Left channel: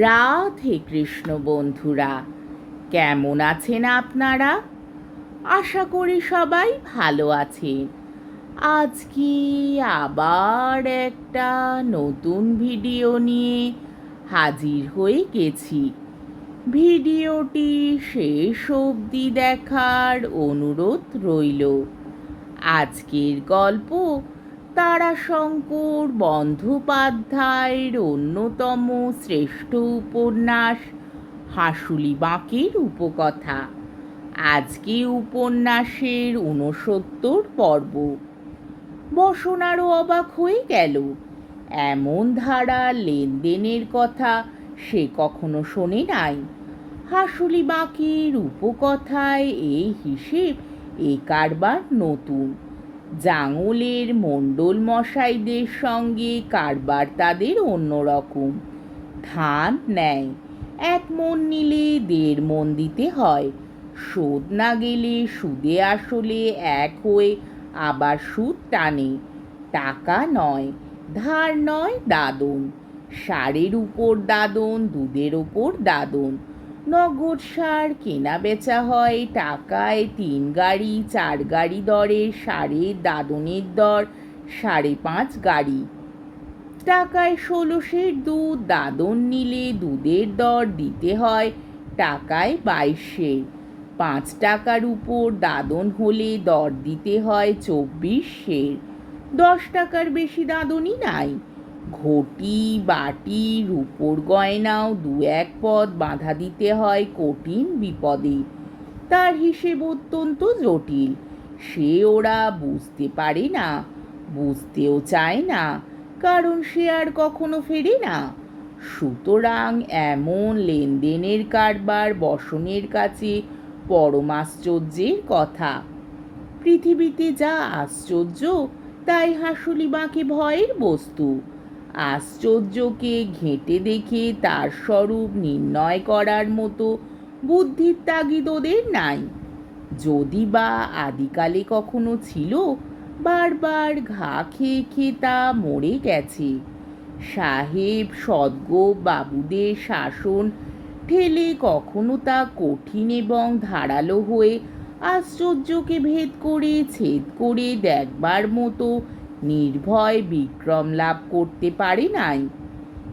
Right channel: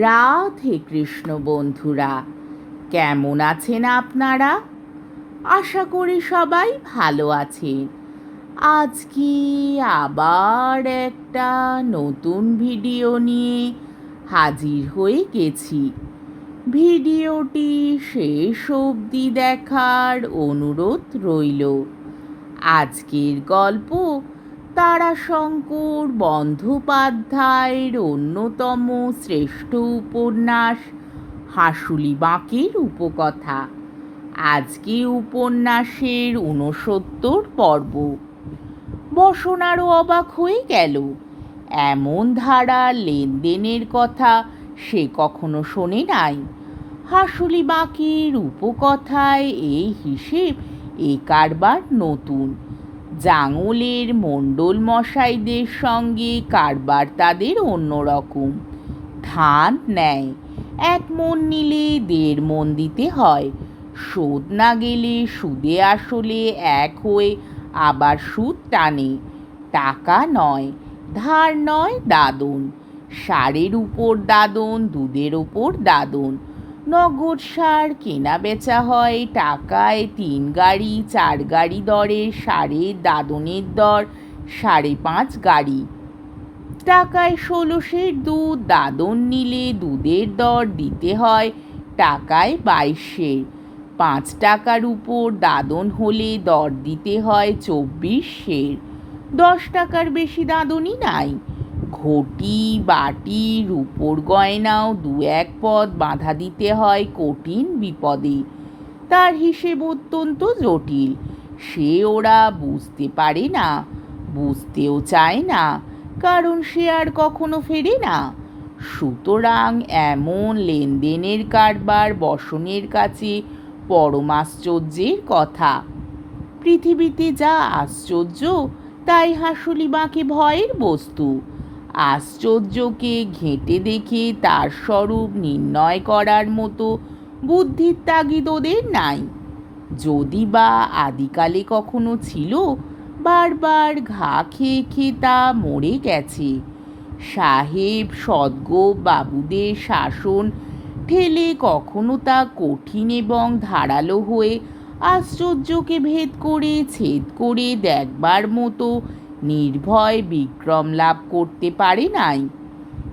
রাধে কৃষ্ণ বন্ধুরা, কেমন আছেন আপনারা? আশা করি সবাই ভালো আছেন। আজকে আবার একটা নতুন ভিডিও নিয়ে হাজির হয়ে গেছি। ভিডিওটি শেষ অবধি দেখার অনুরোধ রইল। আজকের গল্প তারাশঙ্কর বন্দ্যোপাধ্যায়ের অন্যতম শ্রেষ্ঠ উপন্যাস হাঁসুলি বাঁকের উপকথা। আজকে উপন্যাসের ৬৯ পর্ব। বসন আরও অবাক হয়ে গেল। এমন ধারা লেনদেনের কথা সে কখনো শোনে নাই। হাঁসুলি বাঁকের উপকথায় এই হিসেব এ কারবার নতুন। জাঙলের মণ্ডল মশাইদের সঙ্গে কারবার তাদের অন্যরকম। ধান নেয়, ১ মণ নিলে ১.৫ মণ দিতে হয়। শোধ না গেলে সুদে আসলে এক হয়ে আবার সুদ টানে। টাকা নয়, ধার নয়, দাদন। সারের উপর দাদন, দুধের ওপর দাদন। নগদ সার কেনা বেচা হয় টাকায় ৩ গাড়ি ৪ গাড়ি দরে। সারের দাদনের দর ৫.৫ গাড়ি। টাকায় ১৬ দুধ, দাদন নিলে দুধের দর দিতে হয় টাকায় ২২। ৫ টাকার উপর দাদন হলে দর দিতে হয় ২৪। ১০ টাকার বেশি দাদনই নাই। ঘটি, বাটি, রূপোর গয়নাও ২-১ পদ বাঁধা দিতে হয় কঠিন বিপদে। তার হিসেব অত্যন্ত জটিল। সে ওরা বুঝতে পারে না, বুঝতেও চায় না, কারণ সে আর কখনো ফেরে না। সুতরাং এমন লেনদেনের কারবার বসনের কাছে পরমাশ্চর্যের কথা। পৃথিবীতে যা আশ্চর্য তাই হাঁসুলি বাঁকে ভয়ের বস্তু। আশ্চর্যকে ঘেঁটে দেখে তার স্বরূপ নির্ণয় করার মতো বুদ্ধির তাগিদ ওদের নাই। যদি বা আদিকালে কখনো ছিল, বারবার ঘা খেয়ে খেয়ে তা মরে গেছে। সাহেব সদগোপ বাবুদের শাসন ঠেলে কখনো তা কঠিন এবং ধারালো হয়ে আশ্চর্যকে ভেদ করে ছেদ করে দেখবার মতো নির্ভয় বিক্রম লাভ করতে পারে নাই।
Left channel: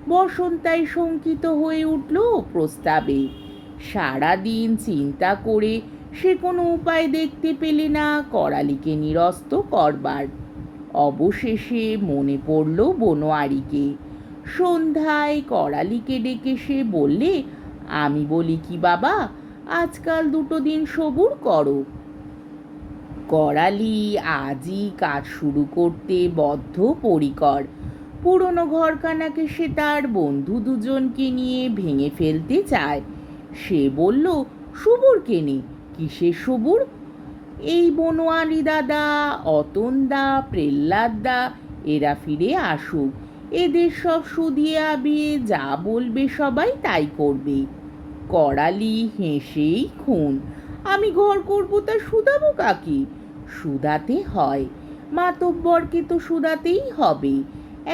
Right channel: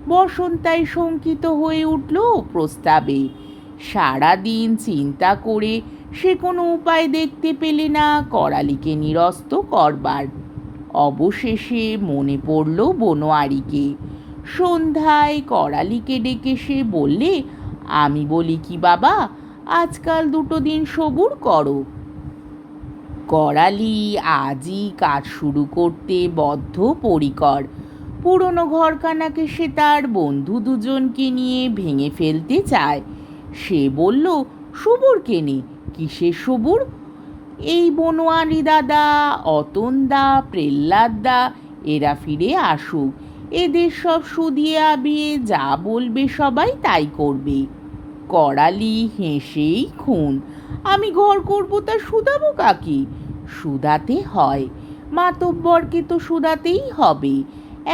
বসন্তায় শঙ্কিত হয়ে উঠল প্রস্তাবে। সারাদিন চিন্তা করে সে কোনো উপায় দেখতে পেলে না করালিকে নিরস্ত করবার। অবশেষে মনে পড়ল বনোয়ারিকে। সন্ধ্যায় করালিকে ডেকে সে বললে, আমি বলি কি বাবা, আজকাল ২ দিন সবুর করো। করালি আজই কাজ শুরু করতে বদ্ধপরিকর। পুরনো ঘরখানাকে সে তার বন্ধু দুজনকে নিয়ে ভেঙে ফেলতে চায়। সে বলল, সবুর কেনে? কিসের সবুর? এই বনোয়ারি দাদা, অতনদা, প্রহ্লাদদা এরা ফিরে আসুক। এদের সব শুধিয়ে আবিয়ে যা বলবে সবাই তাই করবে। করালি হেসেই খুন। আমি ঘর করবো তা শুধাবো কাকে? শুধাতে হয়, মাতব্বরকে তো শুধাতেই হবে।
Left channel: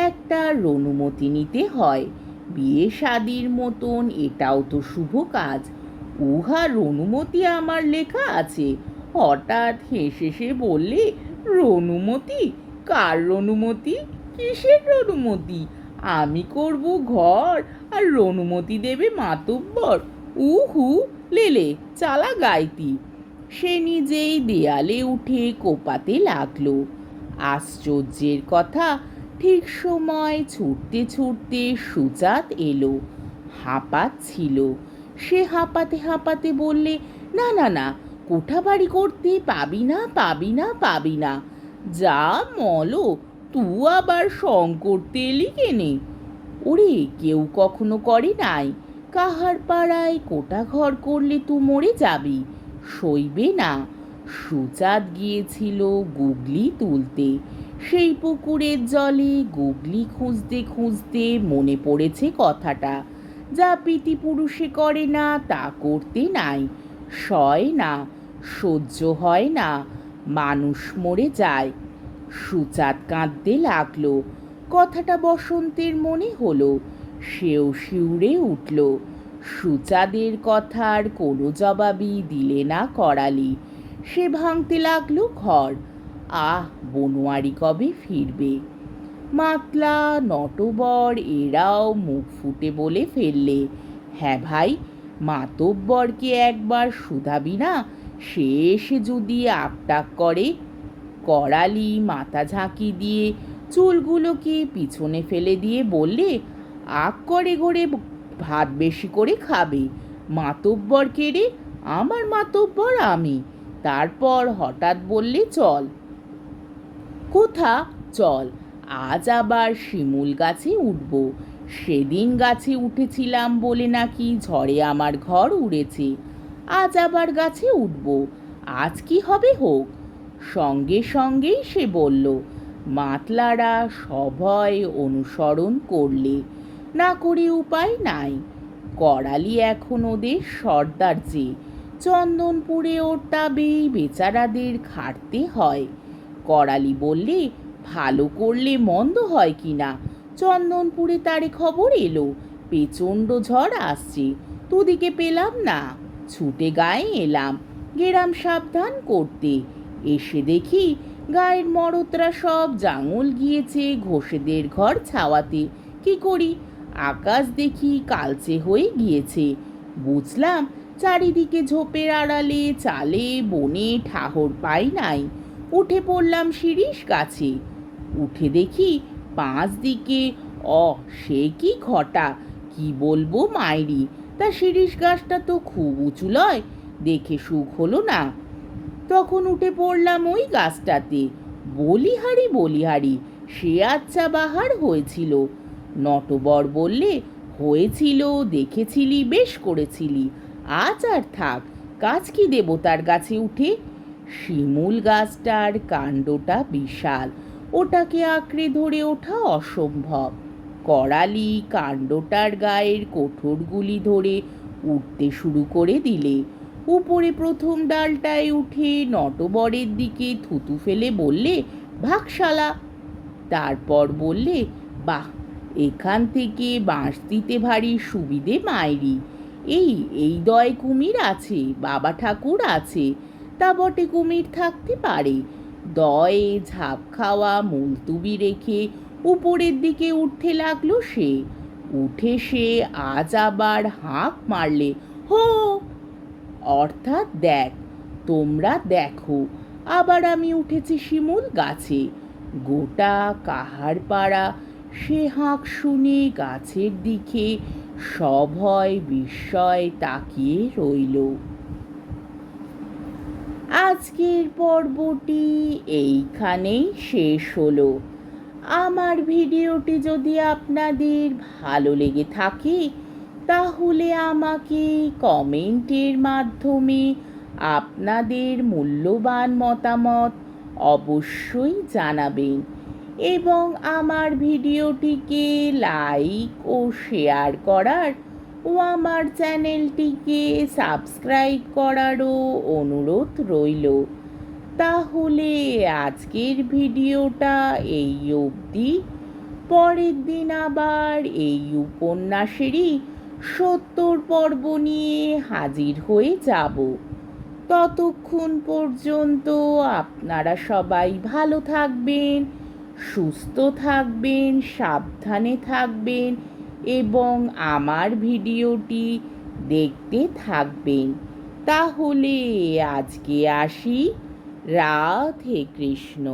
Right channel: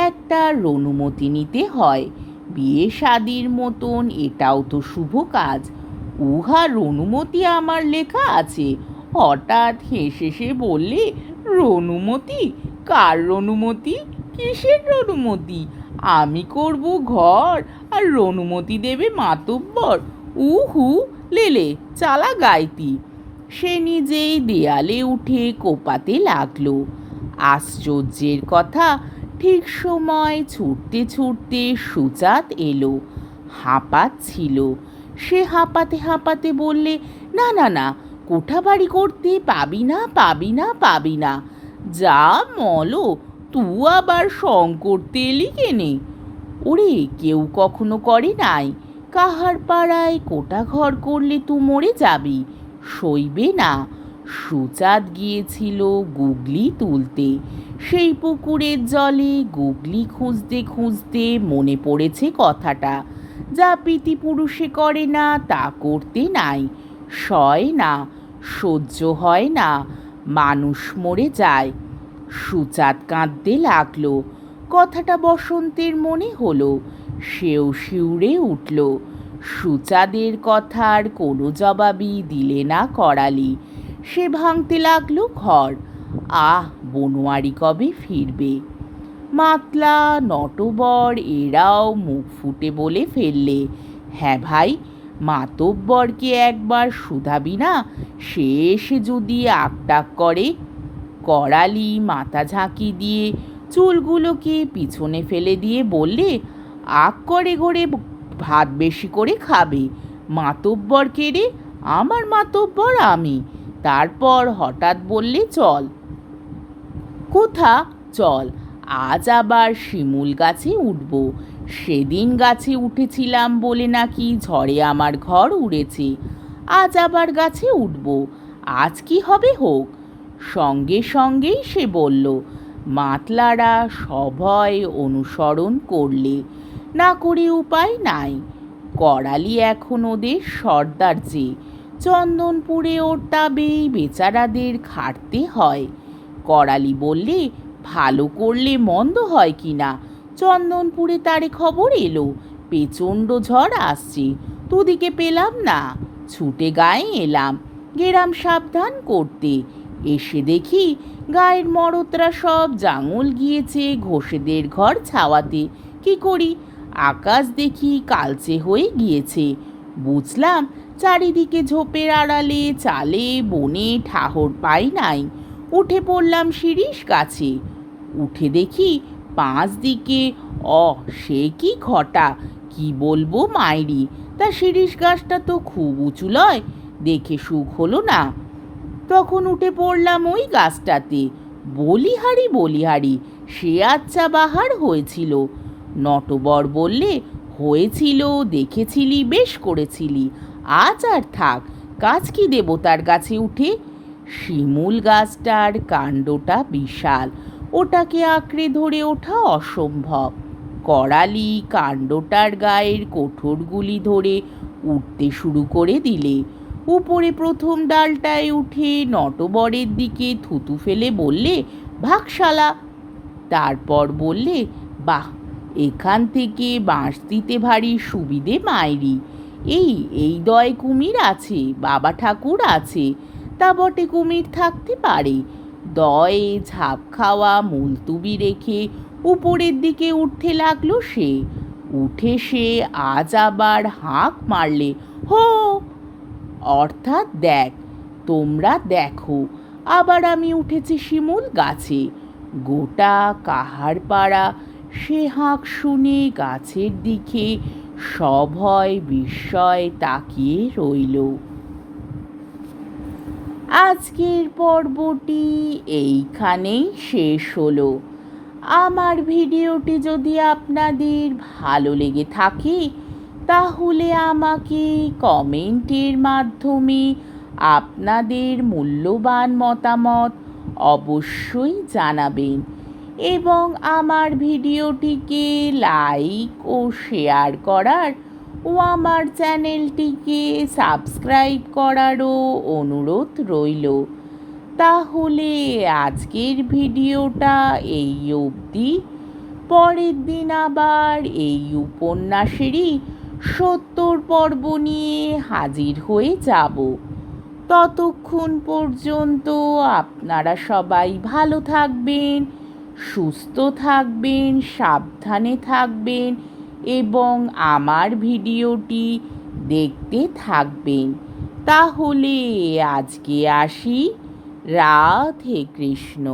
একটা অনুমতি নিতে হয়। বিয়ে শাদির মতন এটাও তো শুভ কাজ। উহার অনুমতি আমার লেখা আছে। হঠাৎ হেসে সে বললে, রনুমতি? কার রনুমতি? কিসের রনুমতি? আমি করব ঘর আর রনুমতি দেবে মাতব্বর? উহু, লেলে চালা গাইতি। সে নিজেই দেয়ালে উঠে কোপাতে লাগলো। আশ্চর্যের কথা, ঠিক সময় ছুটতে ছুটতে সুজাত এলো। হাঁপাচ্ছিল। সে হাঁপাতে হাঁপাতে বললে, না না না, কোঠাবাড়ি করতে পাবি না, পাবি না, পাবি না। যা মলো, তু আবার সং করতে এলি কেনে? ওরে, কেউ কখনো করে নাই। কাহার পাড়ায় কোটা ঘর করলে তু মরে যাবি, সইবে না। সুচাঁদ গিয়েছিল গুগলি তুলতে। সেই পুকুরের জলে গুগলি খুঁজতে খুঁজতে মনে পড়েছে কথাটা। যা পিতিপুরুষে করে না তা করতে নাই। সয় না, সহ্য হয় না, মানুষ মরে যায়। সুচাঁদ কাঁদতে লাগলো। কথাটা বসন্তের মনে হলো। সেও শিউরে উঠল। সুচাদের কথার কোনো জবাবই দিলে না করালি। সে ভাঙতে লাগলো ঘর। আহ, বনোয়ারি কবে ফিরবে? মাতলা, নটবর এরাও মুখ ফুটে বলে ফেললে, হ্যাঁ ভাই, মাতব্বরকে একবার শুধাবি না? সে এসে যদি আকটাক করে। করালি মাথা ঝাঁকি দিয়ে চুলগুলোকে পিছনে ফেলে দিয়ে বললে, আক করে ঘরে ভাত বেশি করে খাবে। মাতব্বর কে রে? আমার মাতব্বর আমি। তারপর হঠাৎ বললে, চল। কোথা? চল, আজ আবার শিমুল গাছে উঠব। সেদিন গাছে উঠেছিলাম বলে নাকি ঝড়ে আমার ঘর উড়েছে। আজ আবার গাছে উঠব। আজ কি হবে হোক। সঙ্গে সঙ্গেই সে বলল। মাতলারা সভয় অনুসরণ করলে। না করে উপায় নাই। করালি এখন ওদের সর্দার যে। চন্দনপুরে ওর তাবেই বেচারাদের খাটতে হয়। করালি বললে, ভালো করলে মন্দ হয় কি না? চন্দনপুরে তারে খবর এলো প্রচণ্ড ঝড় আসছে, তোদিকে পেলাম না। ছুটে গায়ে এলাম গেরাম সাবধান করতে। এসে দেখি গায়ের মরদরা সব জাঙল গিয়েছে ঘোষেদের ঘর ছাওয়াতে। কি করি? আকাশ দেখি কালচে হয়ে গিয়েছে। বুঝলাম চারিদিকে ঝোপের আড়ালে চালে বনে ঠাহর পাই নাই। উঠে পড়লাম শিরীষ গাছে। উঠে দেখি 5 দিকে সে কি ঘটা! কি বলবো মাইরি! তা শিরীষ গাছটা তো খুব উঁচু লয়, দেখে সুখ হলো না। তখন উঠে পড়লাম ওই গাছটাতে। বলিহারি বলিহারি, সে আচ্ছা বাহার হয়েছিল। নটবর বললে, হয়েছিল, দেখেছিলি, বেশ করেছিলি। আজ আর থাক, কাজ কি দেবতার গাছে উঠে। শিমুল গাছটার কাণ্ডটা বিশাল, ওটাকে আঁকড়ে ধরে ওঠা অসম্ভব। করালি কাণ্ডটার গায়ের কোঠরগুলি ধরে উঠতে শুরু করে দিলে। উপরে প্রথম ডালটায় উঠে নটবরের দিকে থুতু ফেলে বললে, ভাগশালা। তারপর বললে, বাহ, এখান থেকে বাঁশ দিতে ভারী সুবিধে মাইরি। এই দয় কুমির আছে, বাবা ঠাকুর আছে, তা বটে কুমির থাকতে পারে। দয়ে ঝাঁপ খাওয়া মুলতুবি রেখে উপরের দিকে উঠতে লাগলো সে। উঠে সে আজ আবার হাঁক মারলে, হো! অর্থাৎ দেখ, তোমরা দেখো, আবার আমি উঠেছি শিমুল গাছে। গোটা কাহারপাড়া সে হাঁক শুনে গাছের দিকে সভয় বিস্ময় তাকিয়ে রইল। আজকের পর্বটি এইখানেই শেষ হলো। আমার ভিডিওটি যদি আপনাদের ভালো লেগে থাকে তাহলে আমাকে কমেন্টের মাধ্যমে আপনাদের মূল্যবান মতামত অবশ্যই জানাবেন এবং আমার ভিডিওটিকে লাইক ও শেয়ার করার ও আমার চ্যানেলটিকে সাবস্ক্রাইব করারও অনুরোধ রইল। তাহলে আজকের ভিডিওটা এই অবধি। পরের দিন আবার এই উপন্যাসেরই 70 পর্ব নিয়ে হাজির হয়ে যাব। ততক্ষণ পর্যন্ত আপনারা সবাই ভালো থাকবেন, সুস্থ থাকবেন, সাবধানে থাকবেন এবং আমার ভিডিওটি দেখতে থাকবেন। তাহলে আজকে আসি। রাধে কৃষ্ণ।